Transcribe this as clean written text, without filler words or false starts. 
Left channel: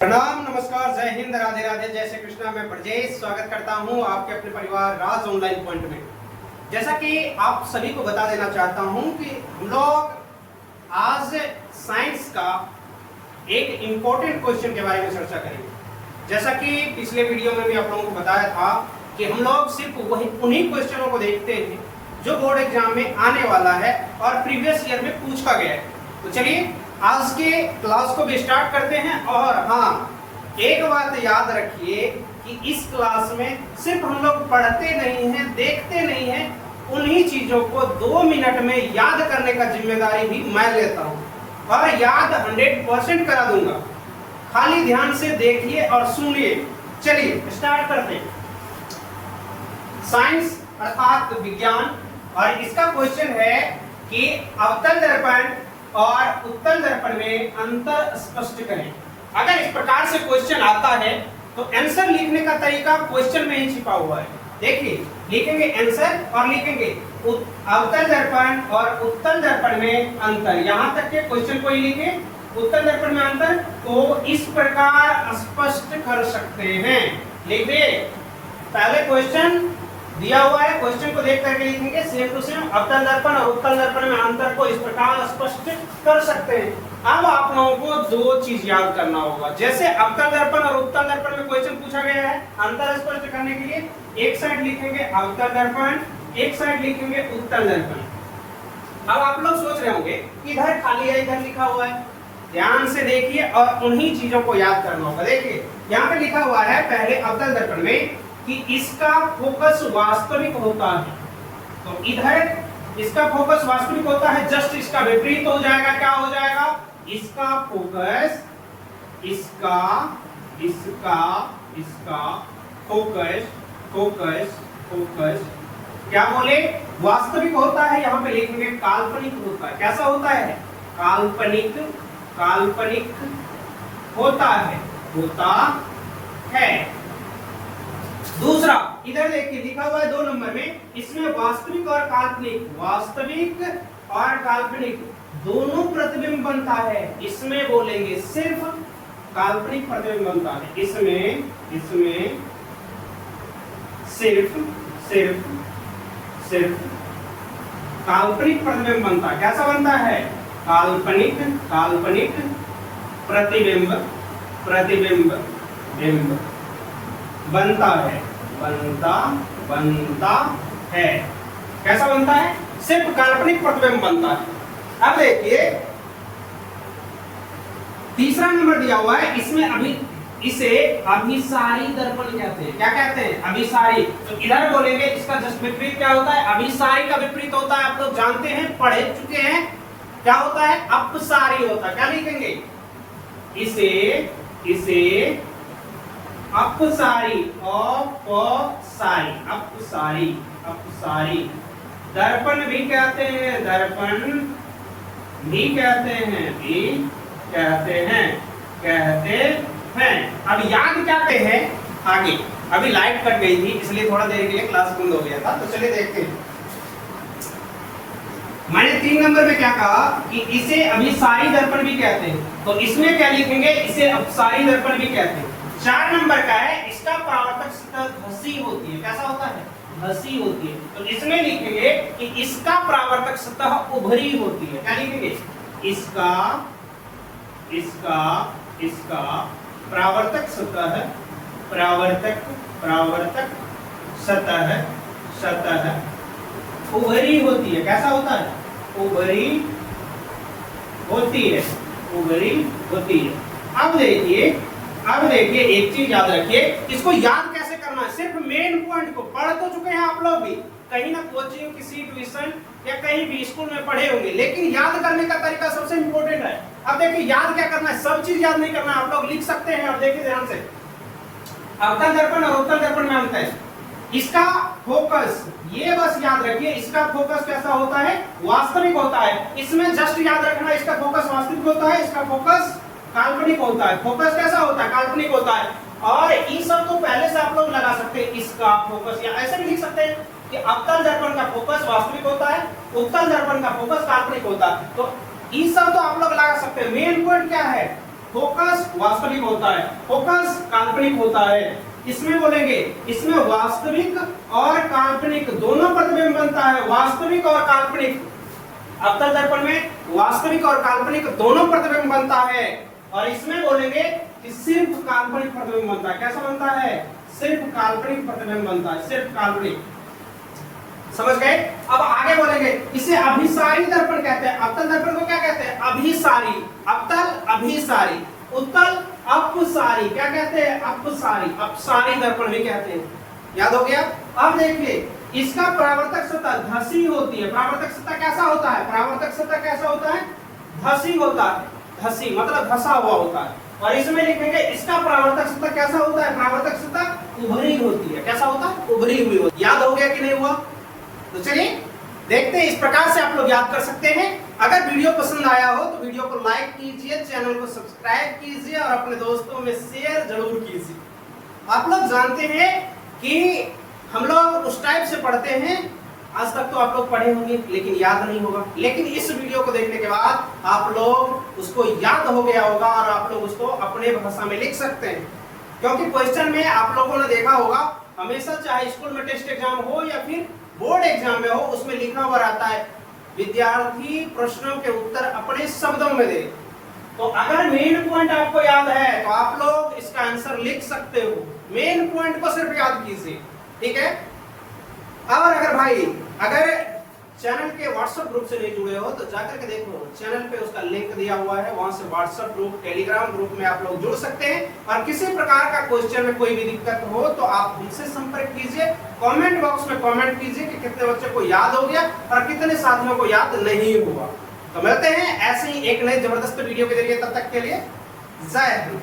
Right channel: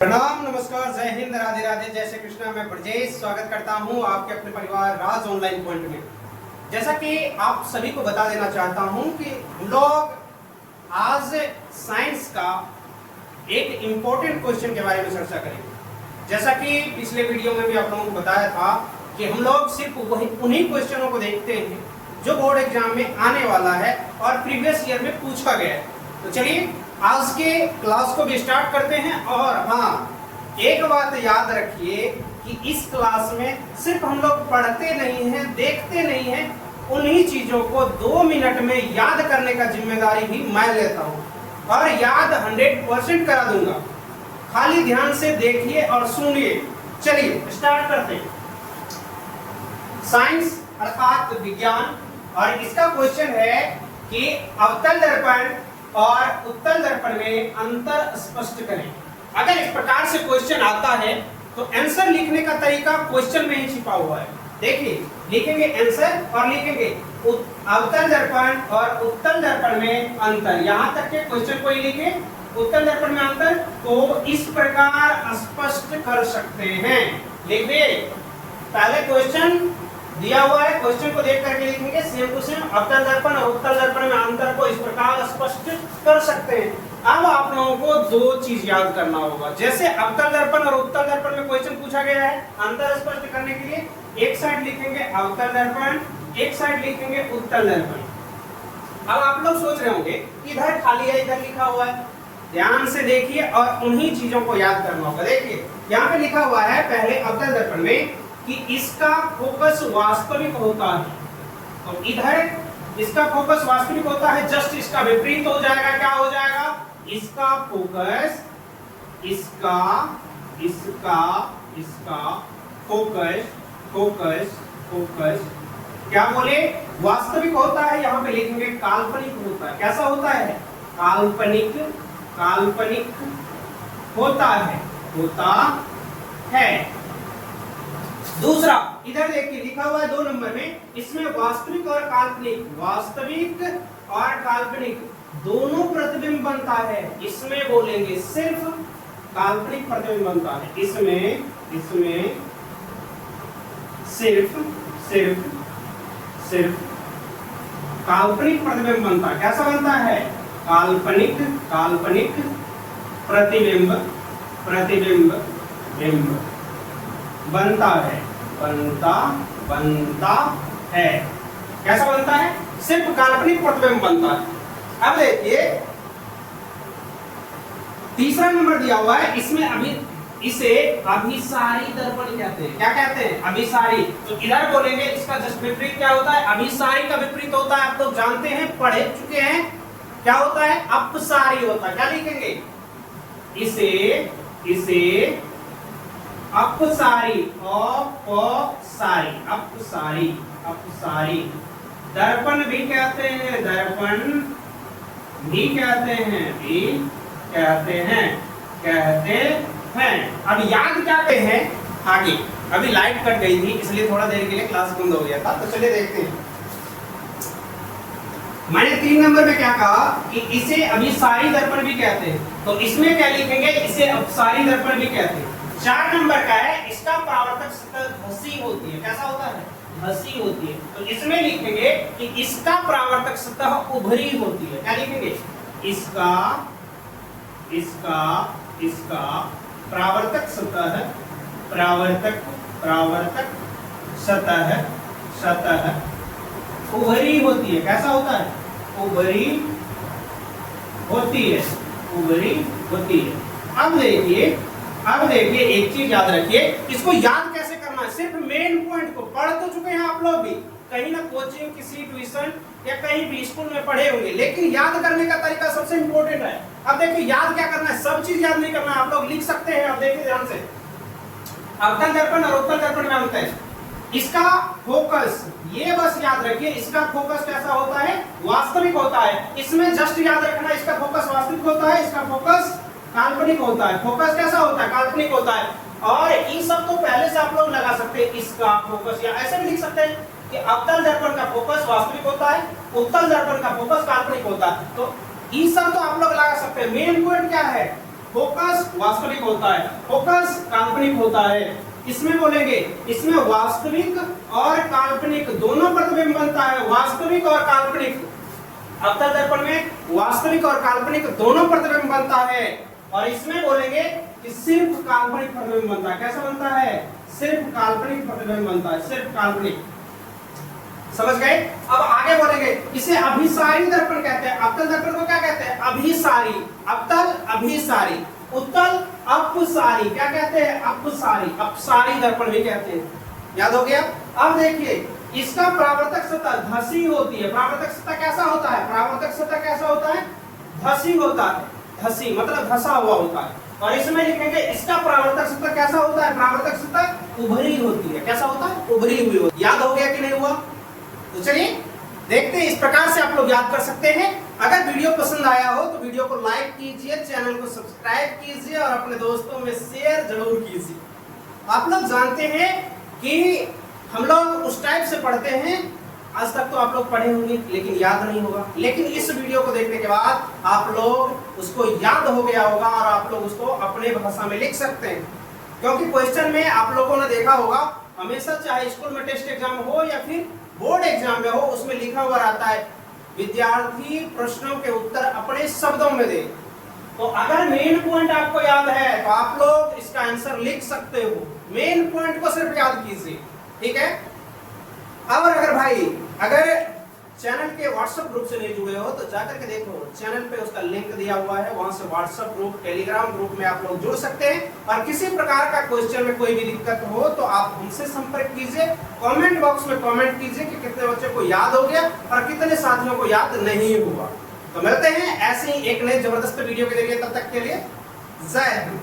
प्रणाम, नमस्कार, जय हिंद, राधे राधे, जय श्री कृष्णा। मैं ब्रजेश स्वागत करता हूं आपके अपने परिवार राज ऑनलाइन पॉइंट में। जैसा कि आप सभी को बता देना चाहता हूं कि हम लोग आज साइंस का एक इम्पोर्टेंट क्वेश्चन के बारे में चर्चा करेंगे। जैसा कि पिछले वीडियो में भी आप लोगों को बताया था कि हम लोग सिर्फ उन्हीं क्वेश्चनों को देखते हैं जो बोर्ड एग्जाम में आने वाला है और प्रीवियस ईयर में पूछा गया है। तो चलिए आज के क्लास को भी स्टार्ट करते हैं। और हाँ, एक बात याद रखिए कि इस क्लास में सिर्फ हम लोग पढ़ते नहीं हैं, देखते नहीं हैं, उन्हीं चीजों को 2 मिनट में याद करने का जिम्मेदारी भी मैं लेता हूं और याद 100% करा दूंगा। खाली ध्यान से देखिए और सुनिए। चलिए स्टार्ट करते हैं। साइंस अर्थात विज्ञान, और इसका क्वेश्चन है कि अवतल दर्पण और उत्तल दर्पण में अंतर स्पष्ट करें। अगर इस प्रकार से क्वेश्चन आता है तो आंसर लिखने का तरीका क्वेश्चन में ही छिपा हुआ है। देखिए, लिखेंगे आंसर और लिखेंगे अवतल दर्पण और उत्तल दर्पण में अंतर। यहां तक के क्वेश्चन को ही लिखे, उत्तल दर्पण में अंतर, तो इस प्रकार स्पष्ट कर सकते हैं। लिखिए, पहले क्वेश्चन दिया हुआ है, क्वेश्चन को देख करके लिखेंगे सेम टू सेम। अवतल दर्पण और उत्तल दर्पण में अंतर को इस प्रकार स्पष्ट कर सकते हैं। अब आप लोगों को 2 चीज याद करना होगा। जैसे अवतल दर्पण और उत्तल दर्पण में क्वेश्चन पूछा गया है, अंतर स्पष्ट करने के लिए एक साइड लिखेंगे अवतल दर्पण, एक साइड लिखेंगे उत्तल दर्पण। अब आप लोग सोच रहे होंगे इधर खाली है, इधर लिखा हुआ है। ध्यान से देखिए और उन्हीं चीजों को याद करना होगा। देखिए यहाँ पे लिखा हुआ है पहले अवतल दर्पण में कि इसका फोकस वास्तविक होता है, तो इधर इसका फोकस वास्तविक होता है, जस्ट इसका विपरीत हो जाएगा। क्या हो जाएगा? इसका फोकस, इसका फोकस, क्या बोले? वास्तविक होता है। यहां पे लिखेंगे काल्पनिक होता है। कैसा होता है? काल्पनिक होता है। दूसरा, इधर देखिए लिखा हुआ है 2 नंबर में, इसमें वास्तविक और काल्पनिक दोनों प्रतिबिंब बनता है। इसमें बोलेंगे सिर्फ काल्पनिक प्रतिबिंब बनता है। इसमें सिर्फ काल्पनिक प्रतिबिंब बनता है। कैसा बनता है? काल्पनिक प्रतिबिंब बनता है। कैसा बनता है? सिर्फ काल्पनिक प्रतिबिंब बनता है। अब देखिए तीसरा नंबर दिया हुआ है, इसमें इसे अभिसारी दर्पण कहते हैं। क्या कहते हैं? अभिसारी। तो इधर बोलेंगे इसका जस्ट विपरीत क्या होता है? अभिसारी का विपरीत होता है, आप लोग जानते हैं, पढ़े चुके हैं। क्या होता है? अपसारी होता है। क्या लिखेंगे? इसे अपसारी, अपसारी। दर्पण भी कहते हैं। अब याद क्या पे है आगे? अभी लाइट कट गई थी इसलिए थोड़ा देर के लिए क्लास बंद हो गया था। तो चलिए देखते हैं। मैंने 3 नंबर में क्या कहा कि इसे अभिसारी दर्पण भी कहते हैं, तो इसमें क्या लिखेंगे? इसे अपसारी दर्पण भी कहते हैं। 4 नंबर का है, इसका परावर्तक सतह घसी होती है। कैसा होता है? घसी होती है। तो इसमें लिखेंगे कि इसका परावर्तक सतह उभरी होती है। क्या लिखेंगे? इसका परावर्तक सतह उभरी होती है। कैसा होता है? उभरी होती है। अब देखिए एक चीज याद रखिए, इसको याद कैसे करना है? सिर्फ मेन पॉइंट को पढ़ तो चुके हैं आप लोग भी, कहीं ना कोचिंग, किसी ट्यूशन या कहीं भी स्कूल में पढ़े होंगे, लेकिन याद करने का तरीका सबसे इंपॉर्टेंट है। अब देखिए याद क्या करना है, सब चीज याद नहीं करना है, आप लोग लिख सकते हैं। अब देखिए ध्यान से, अवतल दर्पण और उत्तल दर्पण में अंतर है। इसका फोकस, ये बस याद रखिए, इसका फोकस कैसा होता है? वास्तविक होता है। इसमें जस्ट याद रखना, इसका फोकस वास्तविक होता है, इसका फोकस काल्पनिक होता है। फोकस कैसा होता है? काल्पनिक होता है। और इन सब को पहले से आप लोग लगा सकते हैं, इसका फोकस, या ऐसे भी लिख सकते हैं कि अवतल दर्पण का फोकस वास्तविक होता है, उत्तल दर्पण का फोकस काल्पनिक होता है। तो ये सब तो आप लोग लगा सकते हैं। मेन पॉइंट क्या है? फोकस वास्तविक होता है, फोकस काल्पनिक होता है। इसमें बोलेंगे इसमें वास्तविक और काल्पनिक दोनों प्रतिबिंब बनता है, वास्तविक और काल्पनिक। अवतल दर्पण में वास्तविक और काल्पनिक दोनों प्रतिबिंब बनता है। और इसमें बोलेंगे कि सिर्फ काल्पनिक प्रतिबिंब बनता है। कैसा बनता है? सिर्फ काल्पनिक प्रतिबिंब बनता है, सिर्फ काल्पनिक। समझ गए? अब आगे बोलेंगे इसे अभिसारी दर्पण कहते हैं। अवतल दर्पण को क्या कहते हैं? अभिसारी। अवतल अभिसारी, उत्तल अपसारी। क्या कहते हैं? अपसारी। अपसारी दर्पण भी कहते हैं। याद हो गया? अब देखिए इसका परावर्तक सतह धसी होती है। परावर्तक सतह कैसा होता है? परावर्तक सतह कैसा होता है? धसी होता है। धसी मतलब धसा हुआ होता है। और इसमें लिखेंगे इसका परावर्तक सतह कैसा होता है? परावर्तक सतह उभरी होती है। कैसा होता है? उभरी हुई होती है। याद हो गया कि नहीं हुआ? तो चलिए देखते हैं, इस प्रकार से आप लोग याद कर सकते हैं। अगर वीडियो पसंद आया हो तो वीडियो को लाइक कीजिए, चैनल को सब्सक्राइब कीजिए और अपने दोस्तों में शेयर जरूर कीजिए। आप लोग जानते हैं कि हम लोग उस टाइप से पढ़ते हैं, आज तक तो आप लोग पढ़े होंगे लेकिन याद नहीं होगा, लेकिन इस वीडियो को देखने के बाद आप लोग उसको याद हो गया होगा और आप लोग उसको अपने भाषा में लिख सकते हैं। क्योंकि क्वेश्चन में आप लोगों ने देखा होगा हमेशा, चाहे स्कूल में टेस्ट एग्जाम हो या फिर बोर्ड एग्जाम में हो, उसमें लिखा हुआ रहता है विद्यार्थी प्रश्नों के उत्तर अपने शब्दों में दे। तो अगर मेन पॉइंट आपको याद है तो आप लोग इसका आंसर लिख सकते हो। मेन पॉइंट को सिर्फ याद कीजिए, ठीक है? और अगर भाई चैनल के व्हाट्सएप ग्रुप से नहीं जुड़े हो तो जाकर के देखो, चैनल पे उसका लिंक दिया हुआ है, वहां से व्हाट्सएप ग्रुप, टेलीग्राम ग्रुप में आप लोग जुड़ सकते हैं। और किसी प्रकार का क्वेश्चन में कोई भी दिक्कत हो तो आप उनसे संपर्क कीजिए। कमेंट बॉक्स में कमेंट कीजिए कि कितने बच्चों को याद हो गया और कितने साथियों को याद नहीं हुआ। तो मिलते हैं ऐसे ही एक नए जबरदस्त वीडियो के जरिए, तब तक के लिए जय हिंद।